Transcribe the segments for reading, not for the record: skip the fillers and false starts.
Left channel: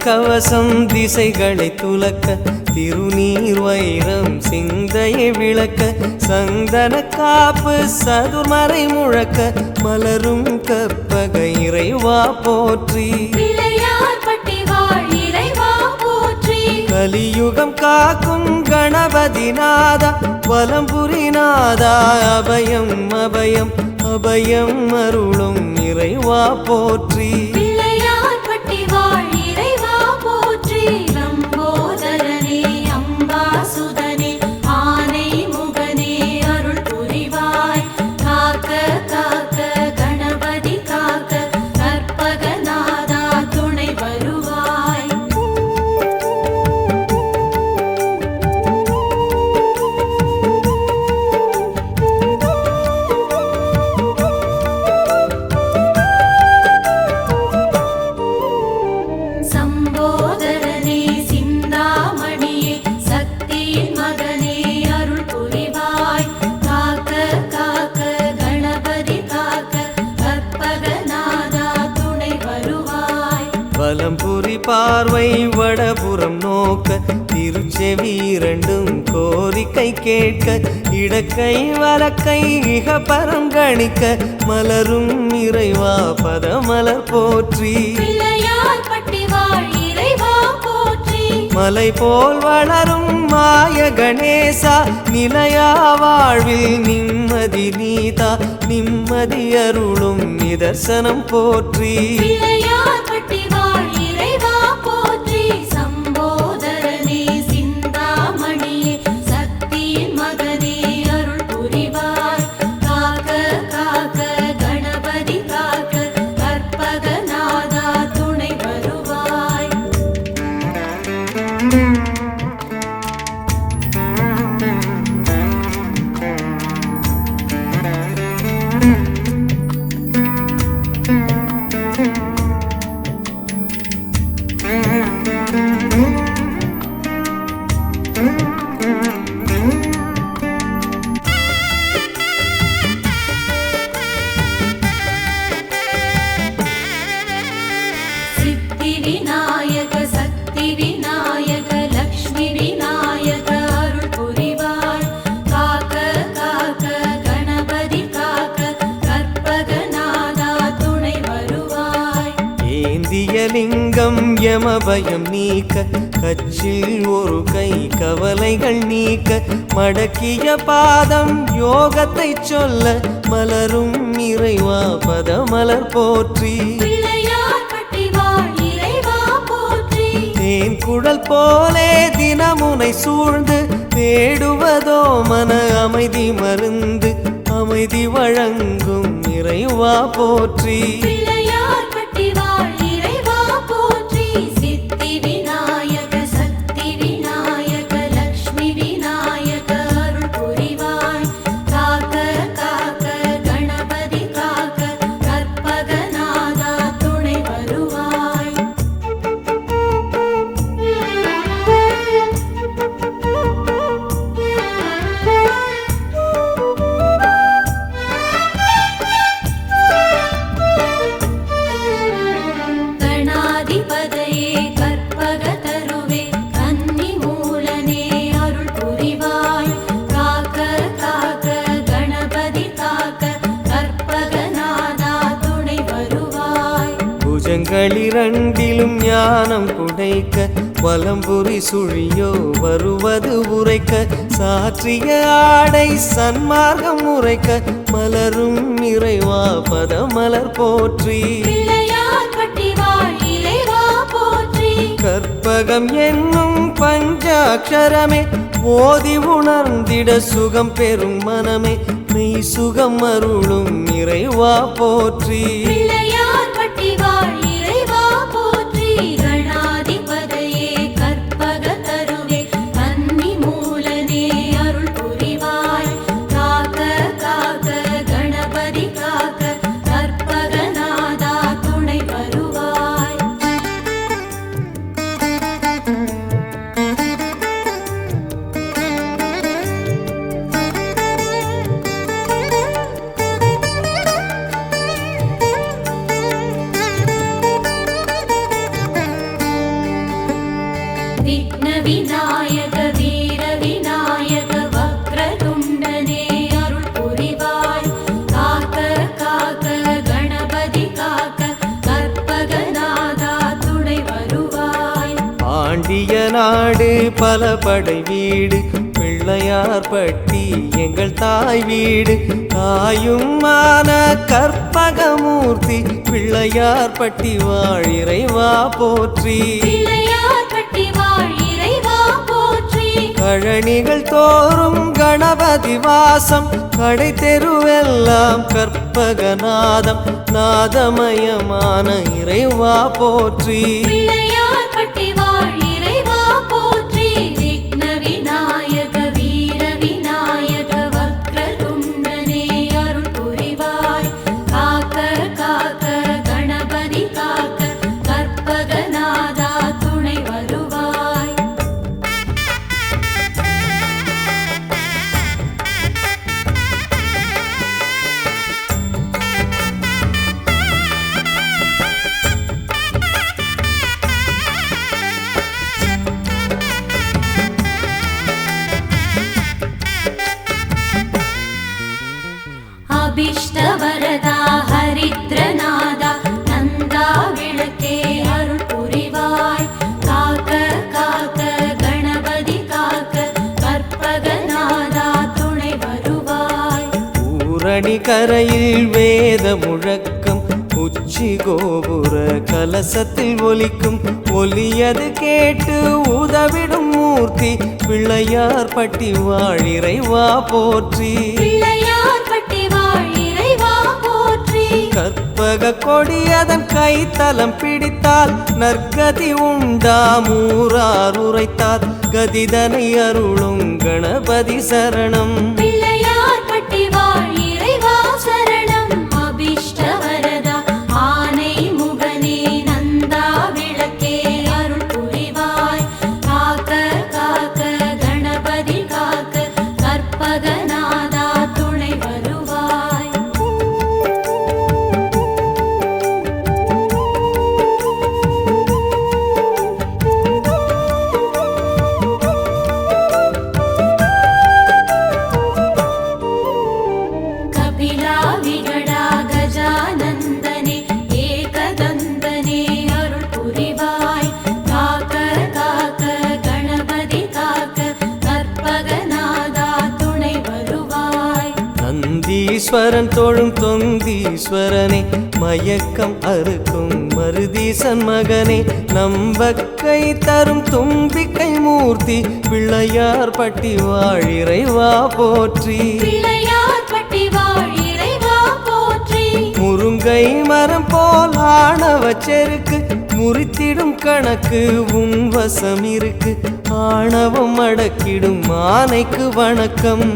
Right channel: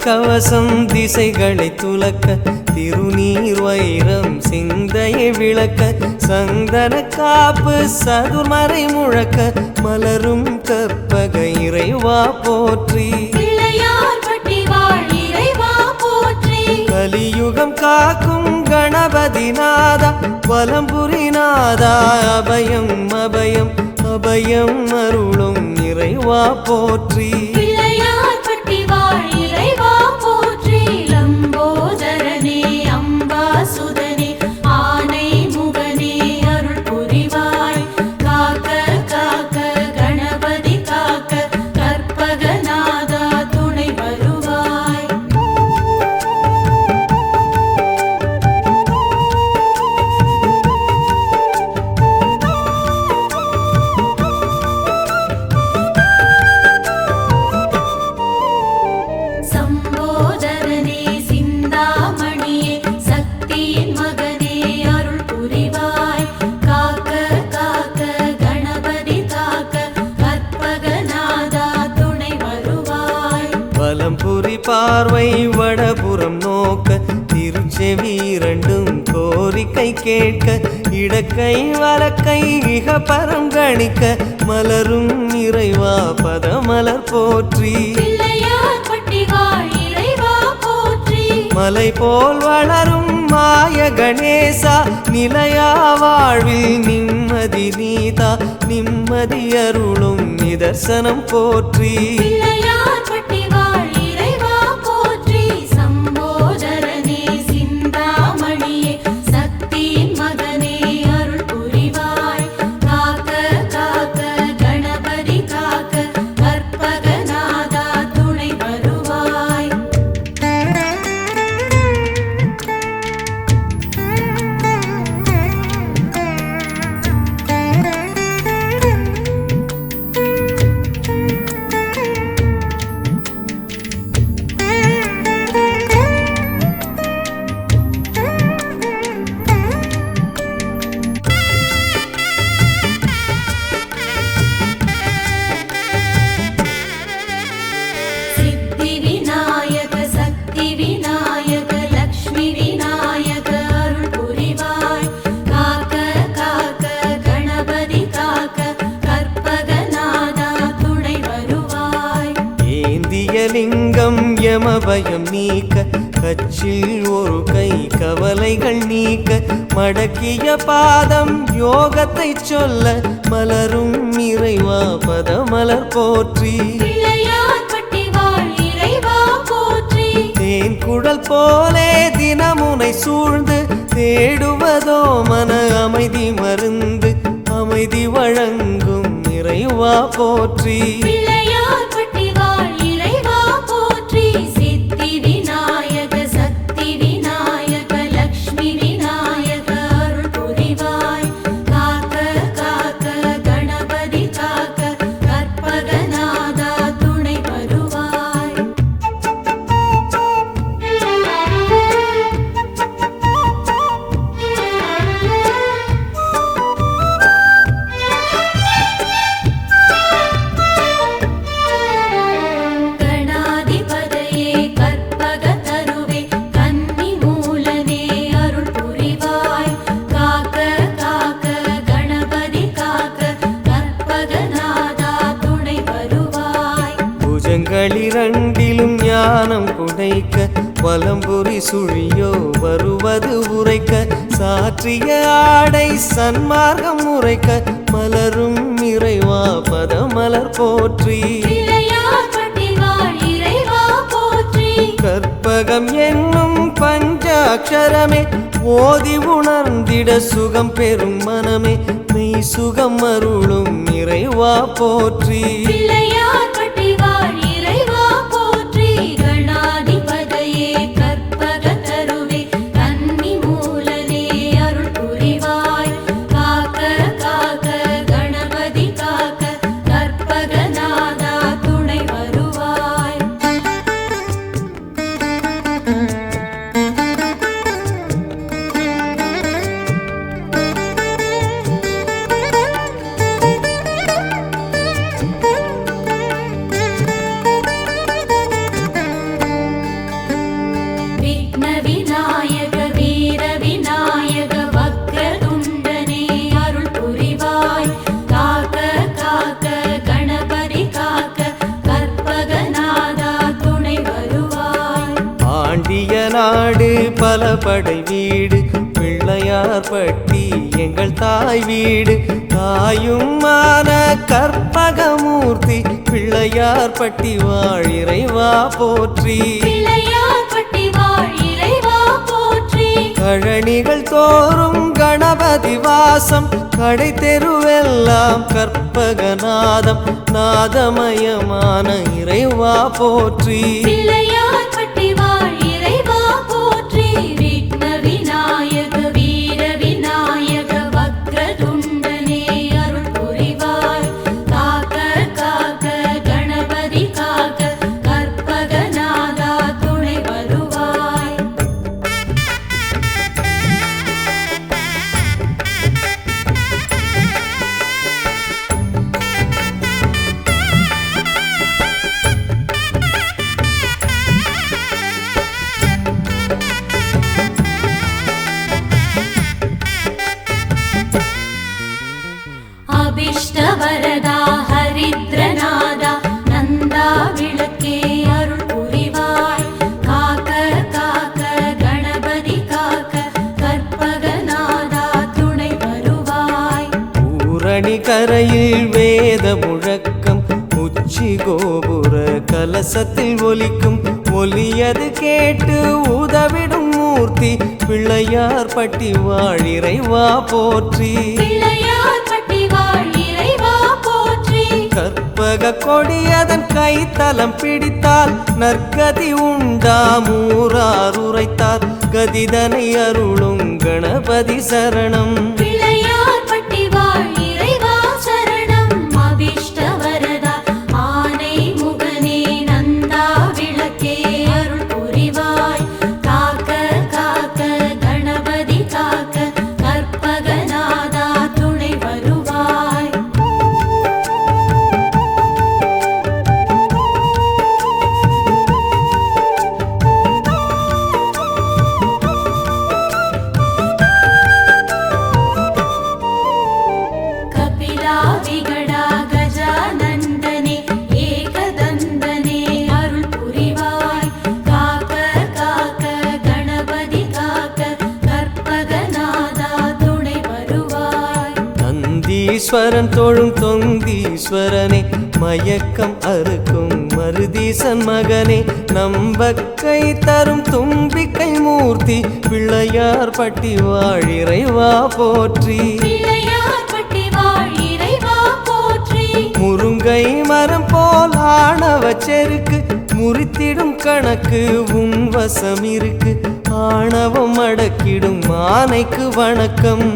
கவசம் திசைகளை துலக்க திருநீர் வைரம் சிந்தையை விளக்க சந்தன காப்பு சதுர்மறை முழக்க மலரும் கற்பக இறைவா போற்றி கலியுகம் காக்கும் கணபதி நாதா வலம்புரி நாதா அபயம் அபயம் அபயம் அருளும் இறைவா போற்றி வலம்புரி பார்வை வடபுறம் நோக்க திருச்செவி இரண்டும் கோரிக்கை கேட்க இடக்கை வலக்கை இகபரம் கணிக்க மலரும் இறைவா பதமலர் போற்றி மலை போல் வளரும் மாய கணேசா நிலையா வாழ்வில் நிம்மதி நீதா நிம்மதி அருளும் நிதர்சனம் போற்றி லிங்கம் யமபயம் நீக்க கச்சில் ஒரு கை கவலைகள் நீக்க மடக்கிய பாதம் யோகத்தை சொல்ல மலரும் இறைவா பதமலர் போற்றி தேன் குழல் போலே தினமுனை சூழ்ந்து தேடுவதோ மன அமைதி மருந்து அமைதி வழங்கும் இறைவா போற்றி இரண்டிலும் ஞானம் குடைக்க வலம்புரி சுழியோ வருவது உரைக்க சாற்றிய ஆடை சன்மார்க்கம் உரைக்க மலரும் இறைவா பதமலர் போற்றி கற்பகம் என்னும் பஞ்சாட்சரமே ஓதி உணர்ந்திட சுகம் பெறும் மனமே மெய் சுகம் அருளும் இறைவா போற்றி பவிய நாடு பல படை வீடு பிள்ளையார் பட்டி எங்கள் தாய் வீடு தாயுமான கற்பகமூர்த்தி பிள்ளையார் பட்டி வாழ் இறைவா போற்றி கழனிகள் தோறும் கணபதி வாசம் கடை தெருவெல்லாம் கற்பகநாதம் நாதமயமான இறைவா போற்றி அபிஷ்டவரதா ஹரித்ரநாதா நந்தா விளக்கே அருள் புரிவாய் காக்க காக்க கணபதி காக்க கற்பகநாதா துணை வருவாய் பூரணி கரையில் வேத முழக்கம் உச்சி கோபுர கலசத்தில் ஒலிக்கும் ஒலியது கேட்டு உதவிடும் மூர்த்தி பிள்ளையார் பட்டி வாழ் இறைவா போற்றி கற்பக கொடியதன் கைத்தலம் பிடித்தால் நற்கதி உண்டாமூரார் உரைத்தார் கதிதனை அருளும் கணபதி சரணம் ஈஸ்வரன் தோழும் தொந்தீஸ்வரனே மயக்கம் அறுக்கும் மருதீசன் மகனே நம்பக்கை தரும் தும்பிக்கை மூர்த்தி பிள்ளையார் பட்டி வாழ் இறைவா போற்றி முருங்கை மரம் போல் ஆணவ செருக்கு முறித்திடும் கணக்கு உன் வசம் இருக்கு ஆணவம் அடக்கிடும் ஆனைக்கு வணக்கம்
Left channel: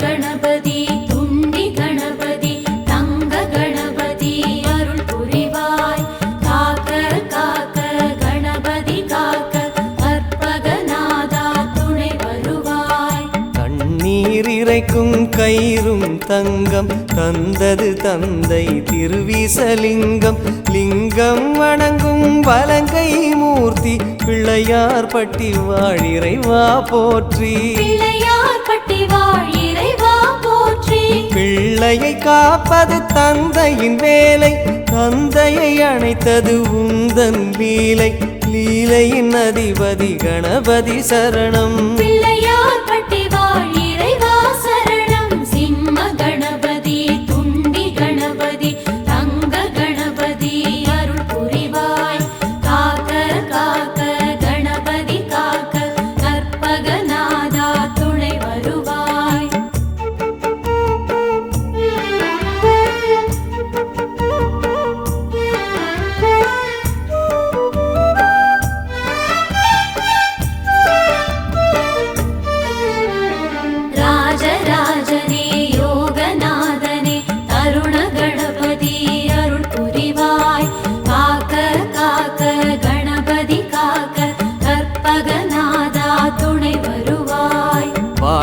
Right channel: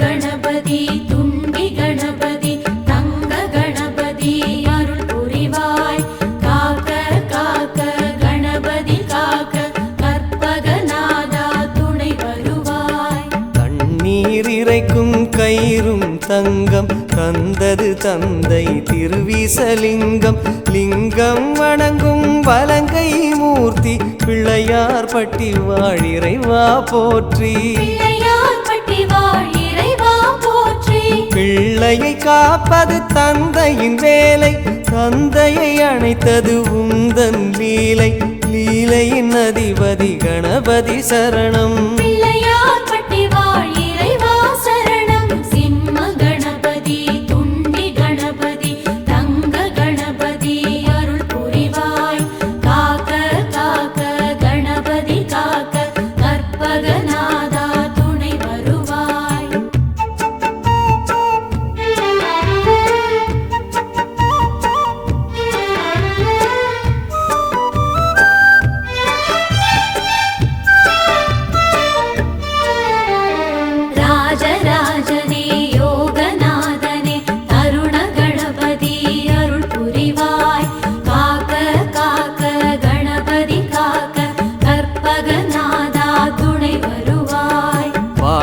கணபதி துண்டி கணபதி தங்க கணபதி அருள் புரிவாய் காக்க காக்க கணபதி காக்க கற்பகநாதா துணை வருவாய் தண்ணீர் இறைக்கும் கயிறும் தங்கம் தந்தது தந்தை திருவிசலிங்கம் லிங்கம் வணங்கும் வலங்கை மூர்த்தி பிள்ளையார் பட்டி வாழ் இறைவா போற்றி பிள்ளையை காப்பது தந்தையின் வேலை தந்தையை அணைத்தது உந்தன் லீலை லீலையின் அதிபதி கணபதி சரணம்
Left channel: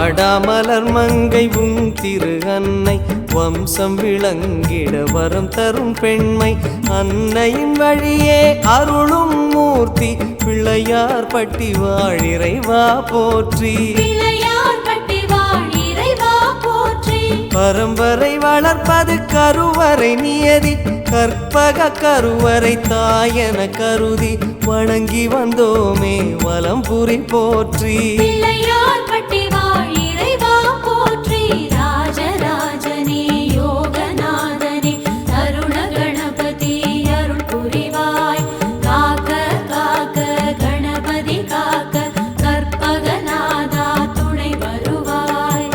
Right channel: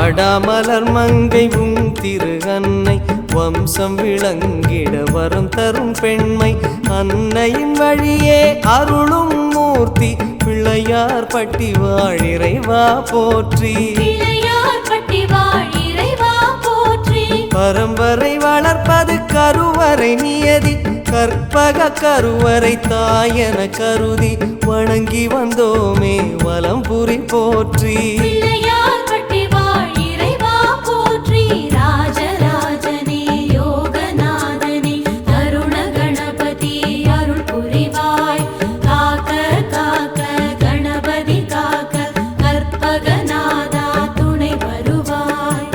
வாடாமலர் மங்கை உன் திரு அன்னை வம்சம் விளங்கிட வரம் தரும் பெண்மை அன்னையின் வழியே அருளும் மூர்த்தி பிள்ளையார் பட்டி வாழிறைவா போற்றி பிள்ளையார்பட்டி வாழ் இறைவா போற்றி. பரம்பரை வளர்ப்பது கருவறை நியதி கற்பக கருவறை தாயன கருதி வணங்கி வந்தோமே வலம்புரி போற்றி பிள்ளையார்பட்டி வாழ் இறைவா போற்றி. ராஜராஜனே யோகநாதனே கருண கணபதி அருள் புரிவாய். காக்க காக்க கணபதி காக்க கற்பகநாதா துணை வருவாய்.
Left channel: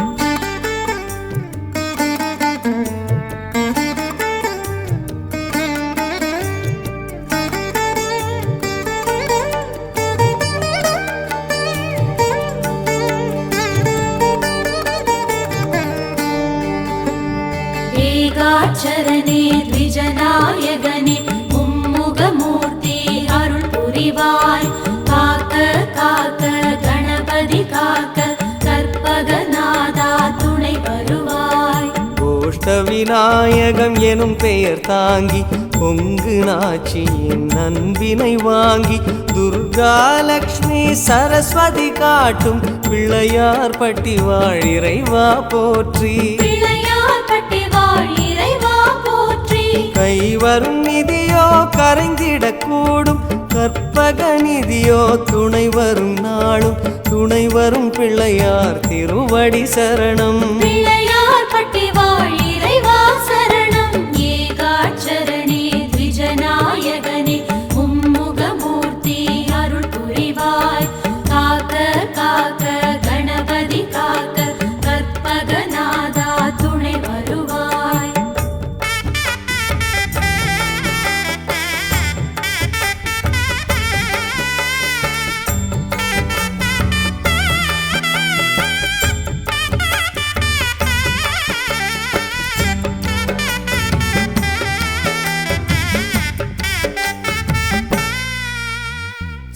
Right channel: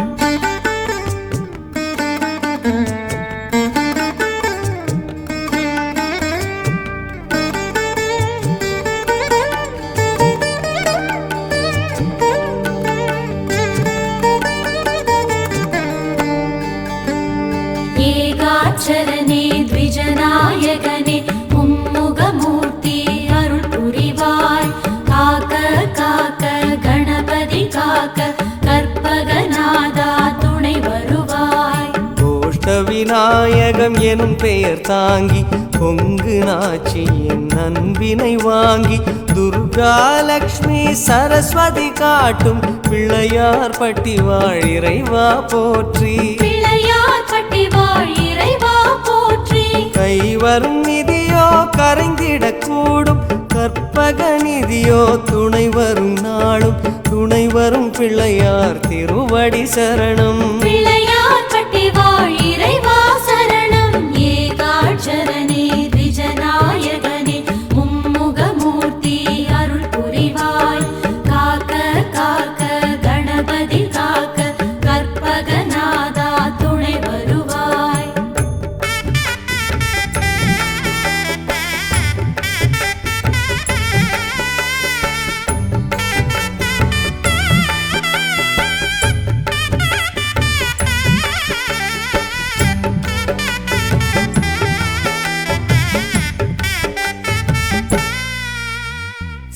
ஏகாட்சரனே த்விஜநாயகனே மும்முகமூர்த்தி அருள் புரிவாய். காக்க காக்க கணபதி காக்க கற்பகநாதா துணை வருவாய். கோஷ்ட விநாயகம் எனும் பெயர் தாங்கி கொங்கு நாச்சியின் நன்பினை வாங்கி துர்கா லக்ஷ்மி சரஸ்வதி காட்டும் பிள்ளையார் பட்டி வாழிறைவா போற்றி பிள்ளையார்பட்டி வாழ் இறைவா போற்றி. கைவரும் நிதியோ கரைந்திடக்கூடும் கற்பக நிதியோ துணை வரும் நாளும் துணை வரும் பிள்ளையார் திருவடி சரணம் பிள்ளையார்பட்டி வாழ் இறைவா சரணம். ஏகாட்சரனே த்விஜநாயகனே மும்முகமூர்த்தி அருள் புரிவாய். காக்க காக்க கணபதி காக்க கற்பகநாதா துணை வருவாய்.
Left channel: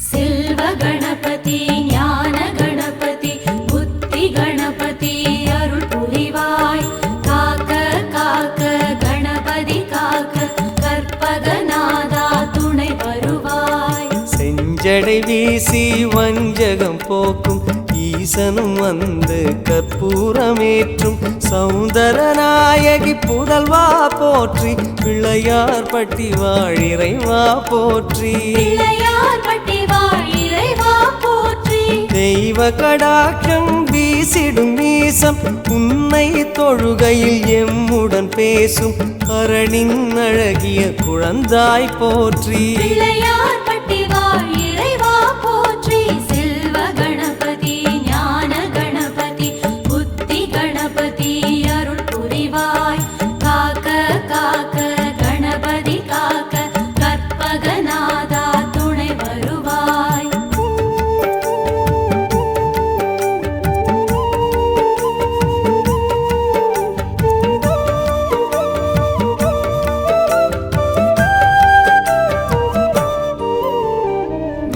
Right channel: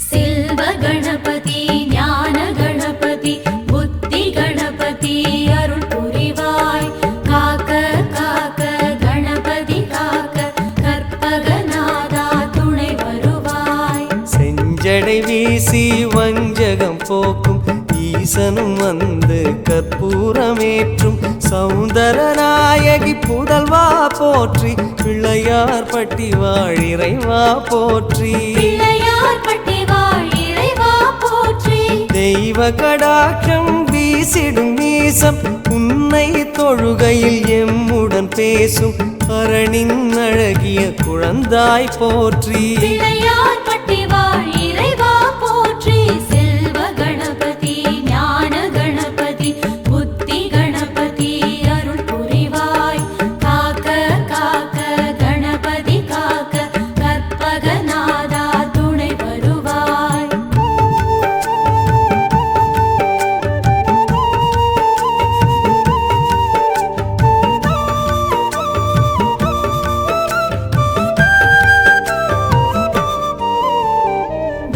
செல்வ கணபதி ஞான கணபதி புத்தி கணபதி அருள் புரிவாய். காக்க காக்க கணபதி காக்க கற்பகநாதா துணை வருவாய். செஞ்சடை வீசி வஞ்சகம் போக்கும் ஈசனும் வந்து கற்பூரமேற்றும் சௌந்தரநாயகி புதல்வா போற்றி பிள்ளையார் பட்டி வாழிறைவா போற்றி பிள்ளையார்பட்டி வாழ் இறைவா போற்றி. தெய்வ கடாட்சம் வீசிடும் நீசம் உன்னை தொழுகையில் எம்முடன் பேசும் அரணின் அழகிய குழந்தாய் போற்றி பிள்ளையார்பட்டி வாழ் இறைவா போற்றி. செல்வ கணபதி ஞான கணபதி புத்தி கணபதி அருள் புரிவாய். காக்க காக்க கணபதி காக்க கற்பகநாதா துணை வருவாய்.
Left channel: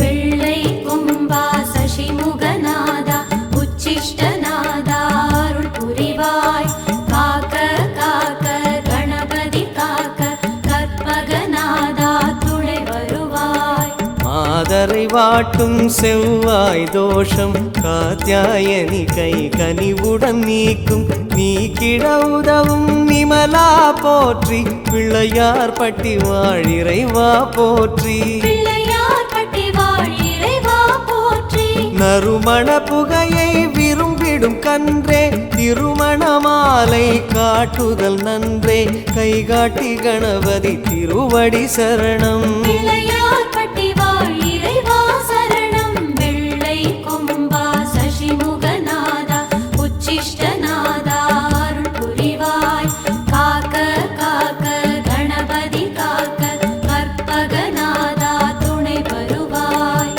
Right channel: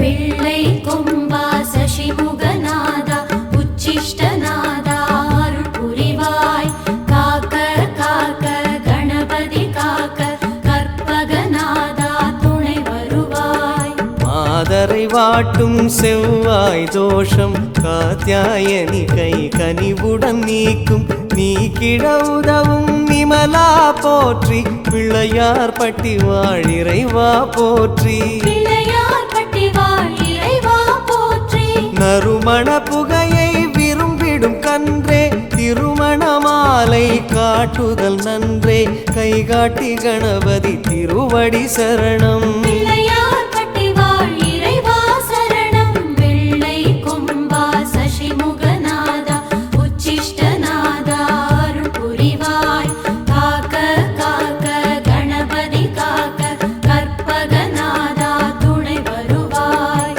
வெள்ளை கொம்பா சசிமுகநாதா உச்சிஷ்டநாதா அருள் புரிவாய். காக்க காக்க கணபதி காக்க கற்பகநாதா துணை வருவாய். மாதரை வாட்டும் செவ்வாய் தோஷம் காத்யாயனி கை கனிவுடன் நீக்கும் நீக்கிட உதவும் நிமலா போற்றி பிள்ளையார் பட்டி வாழிறைவா போற்றி பிள்ளையார்பட்டி வாழ் இறைவா போற்றி. நறுமண புகையை விரும்பிடும் கன்றே திருமண மாலை காட்டுதல் நன்றே கைகாட்டி கணபதி திருவடி சரணம் பிள்ளையார்பட்டி வாழ் இறைவா சரணம். வெள்ளை கொம்பா சசிமுகநாதா உச்சிஷ்டநாதா அருள் புரிவாய். காக்க காக்க கணபதி காக்க கற்பகநாதா துணை வருவாய்.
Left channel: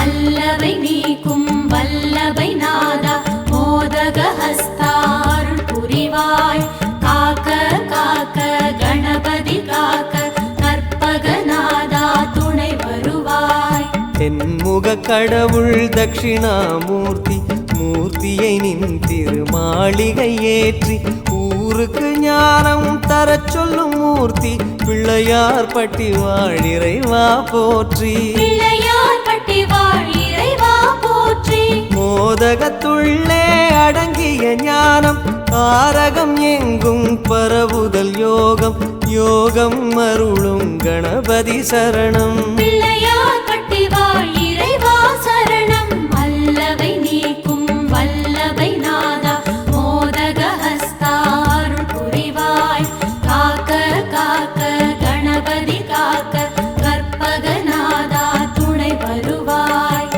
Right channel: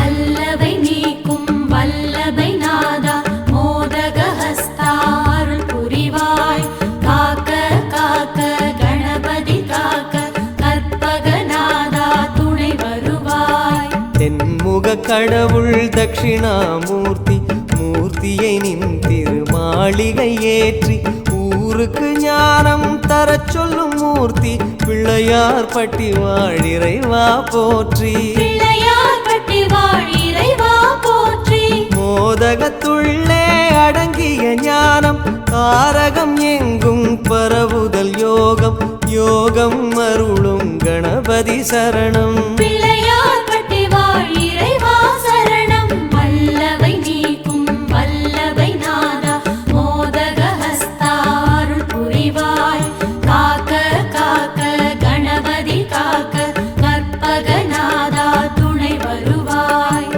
அல்லவை நீக்கும் வல்லபை நாதா மோதக ஹஸ்தா அருள் புரிவாய் காக்க காக்க கணபதி காக்க கற்பகநாதா துணை வருவாய் தென்முக கடவுள் தட்சிணாமூர்த்தி மூர்த்தியை நின் திருமாளிகை ஏற்றி ஊருக்கு ஞானம் தரச் சொல்லும் மூர்த்தி பிள்ளையார் பட்டி வாழிறைவா போற்றி பிள்ளையார் பட்டி வாழ் இறைவா போற்றி மோதகத்துள்ளே அடங்கிய ஞானம் தாரகம் எங்கும் பரவுதல் யோகம் யோகம் அருளும் கணபதி சரணம் பிள்ளையார் பட்டி வாழ் இறைவா சரணம் வல்லவை நீக்கும் வல்லபை நாதா மோதக ஹஸ்தா அருள் புரிவாய் காக்க காக்க கணபதி காக்க கற்பகநாதா துணை வருவாய்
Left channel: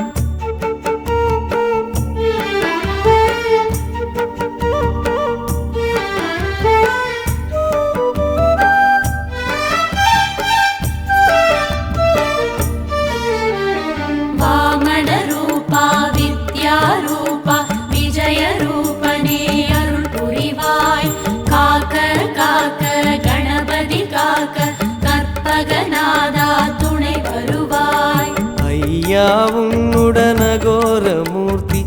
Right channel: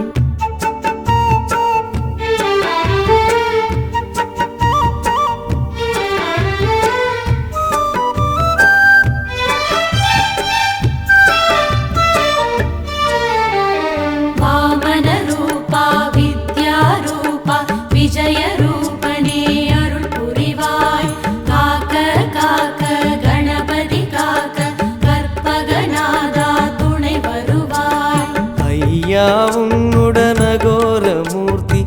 வாமன ரூபா வித்யா ரூபா விஜய ரூபனே அருள் புரிவாய் காக்க காக்க கணபதி காக்க கற்பகநாதா துணை வருவாய் ஐயா உன்னுடனகோர மூர்த்தி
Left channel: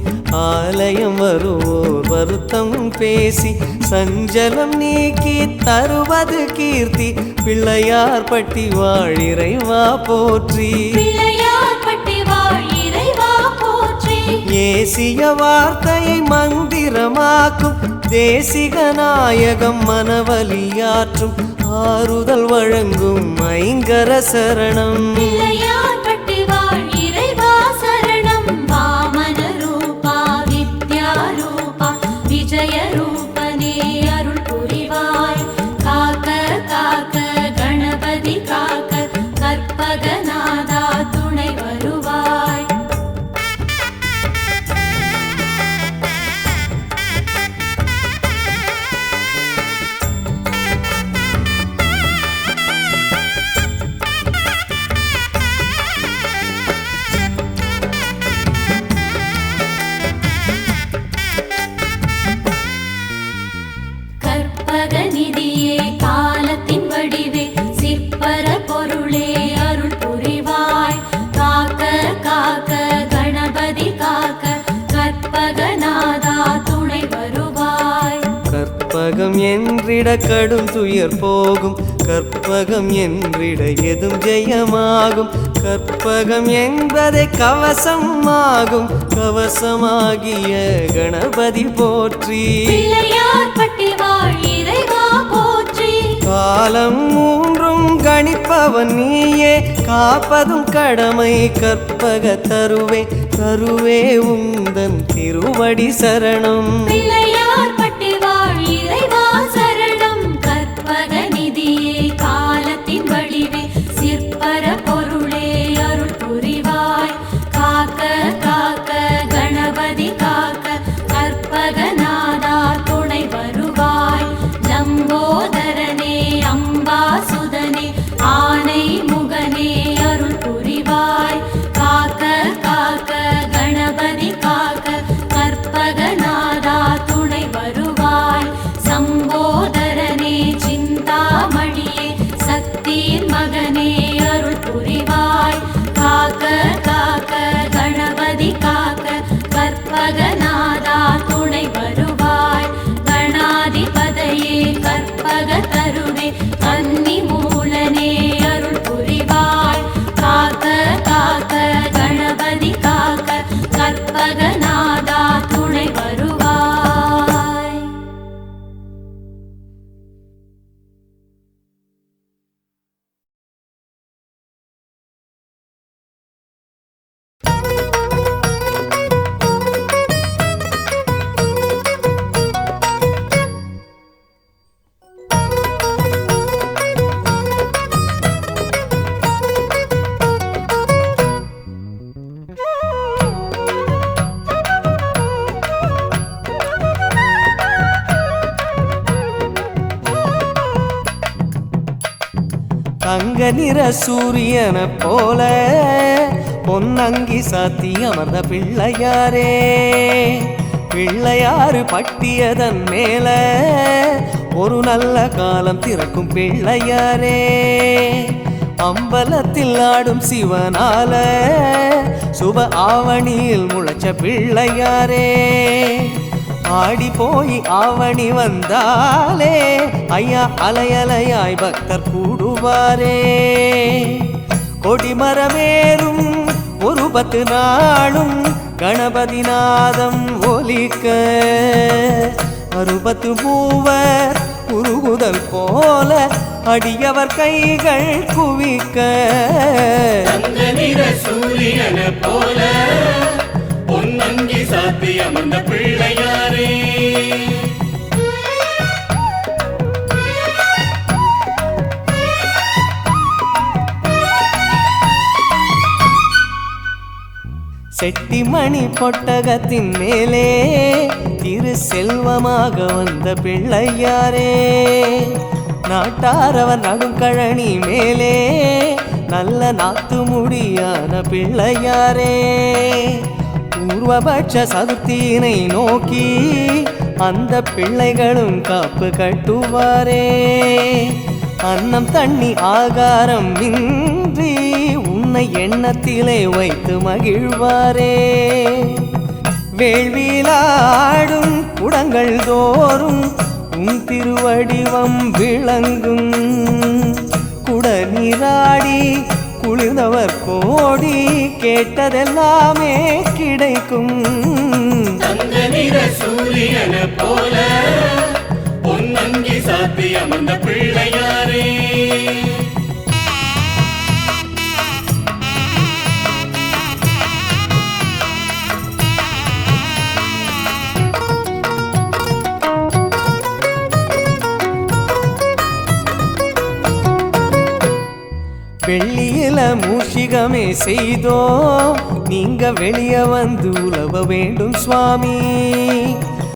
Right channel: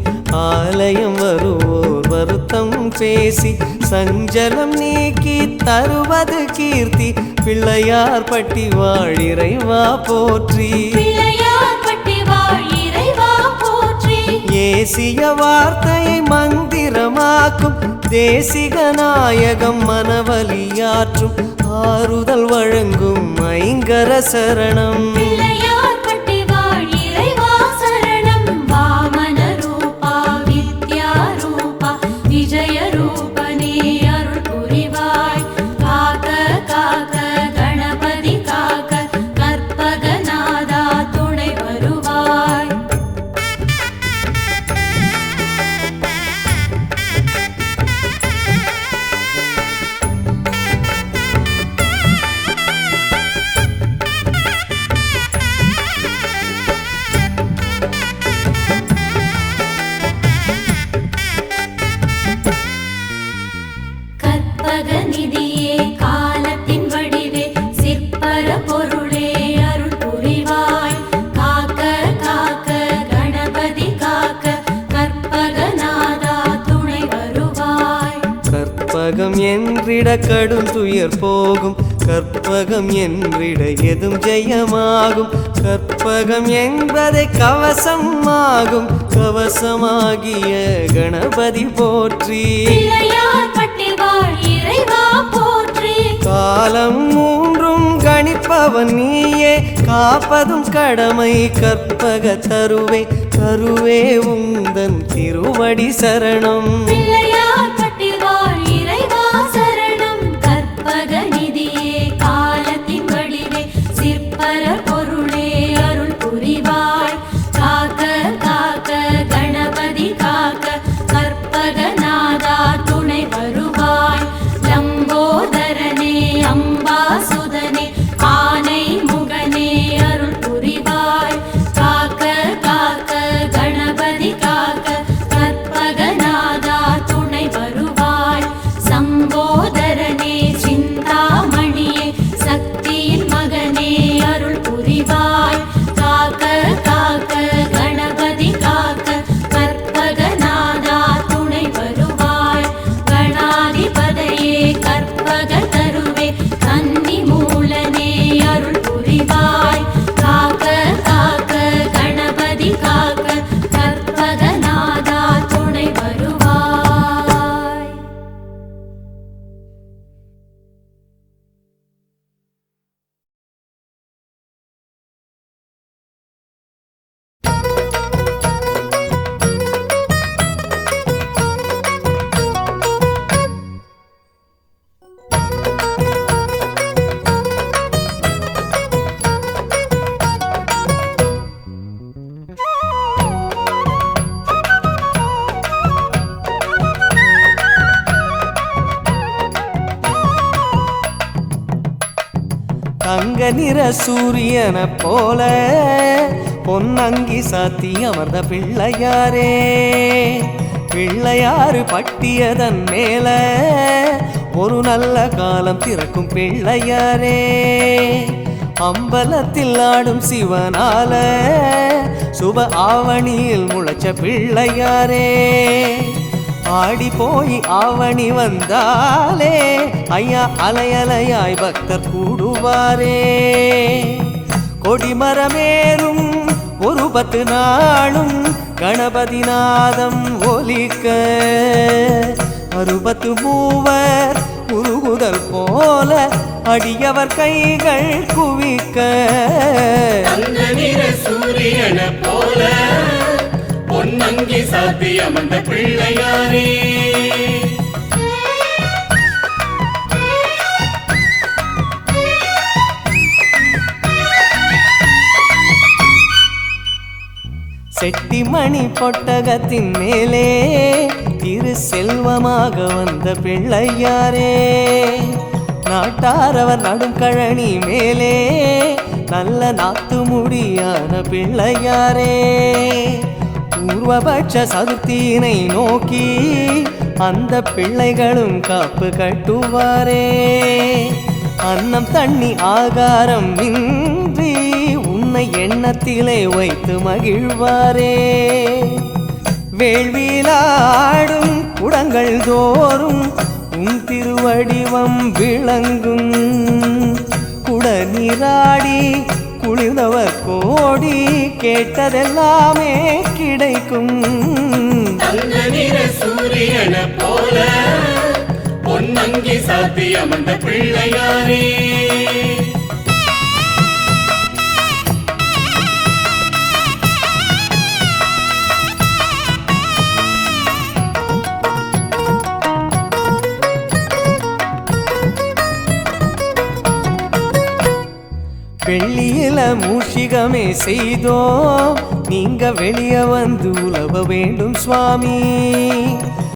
ஆலயம் வருவோர் வருத்தம் பேசி சஞ்சலம் நீக்கி தருவது கீர்த்தி பிள்ளையார் பட்டி வாழிறைவா போற்றி பிள்ளையார் பட்டி வாழ் இறைவா போற்றி ஏசிய வார்த்தையை மந்திரமாக்கும் தேசிக நாயகம் மனவலியாற்றும் ஆறுதல் வழங்கும் ஐங்கர சரணம் பிள்ளையார் பட்டி வாழ் இறைவா சரணம் வாமன ரூபா வித்யா ரூபா விஜய ரூபனே அருள் புரிவாய் காக்க காக்க கணபதி காக்க கற்பகநாதா துணை வருவாய் கற்பகநிதியே காலத்தின் வடிவே சிற்பர பொருளே அருள் புரிவாய் காக்க காக்க கணபதி காக்க கற்பகநாதா துணை வருவாய் கற்பகம் என்றிட கடும் துயர் போகும் கற்பகம் என்றிட எதும் ஜெயமாகும் கற்பகம் என்பதை கவசம் ஆகும் கவசமாகிய கணபதி போற்றி பிள்ளையார் பட்டி வாழ் இறைவா போற்றி காலம் மூன்றும் கணிப்பவன் நீயே காப்பதும் கடமை கற்பக தருவே தருவே உந்தன் திருவடி சரணம் பிள்ளையார் பட்டி வாழ் இறைவா சரணம் கற்பகநிதியே காலத்தின் வடிவே சிற்பர பொருளே அருள் புரிவாய் காக்க காக்க கணபதி காக்க கற்பகநாதா துணை வருவாய் லம்போதரனே அம்பாசுதனே ஆனை முகனே அருள் புரிவாய் காக்க காக்க கணபதி காக்க கற்பகநாதா தங்க நிற சூரியனை போல பொன்னங்கி சாத்தி அமர்ந்த பிள்ளையாரே, பிள்ளையாறு பட்டியதன் மேல ஒரு நல்ல காலம் திறக்கும் பிள்ளையாரே, அம்பலத்தில் ஆடும் சிவனால சுப ஆவணியில் முளைச்ச பிள்ளையாரே, ஆடி போய் ஆவணி வந்தாலே ஐயா அலையலையாய் பக்தர் கூடுவாரே, கொடிமரமேறும் ஒரு 10 நாளும் கணபதி நாதம் ஒலிக்க, 60 மூவர் உருகுதல் போல அடியவர் கைகள் குவிக்க, சூரியன போல பொன்னங்கி சாத்தியம் அந்த பிள்ளையாரே. செட்டிமணி பொட்டகத்தின் மேலே திரு செல்வமாக வந்த பிள்ளையாரே, நாட்டாரவர் நடும் கழனி மேலே நல்ல நாத்து முடியான பிள்ளையாரே, பூர்வபட்ச சதுர்த்தியினை நோக்கி அந்த பிள்ளைகளும் காப்பு கட்டுவாரே, அன்னம் தண்ணி ஆகாரம் இன்றி உன்னை எண்ணத்திலே வைத்து மகிழ்வாரே, வேள்வியிலாடும் குடங்கள் தோறும் உன் திருவடிவம் விளங்கும், குட நீராடி குளிர்ந்தவர் கோடி கேட்டதெல்லாமே கிடைக்கும், சூரியன போல பொன்னங்கி சாத்தியம் அந்த பிள்ளையாரே. வெள்ளியில மூஷிகமே செய்தோம், நீங்க வெளியே வந்து உலவ வேண்டும் சுவாமி,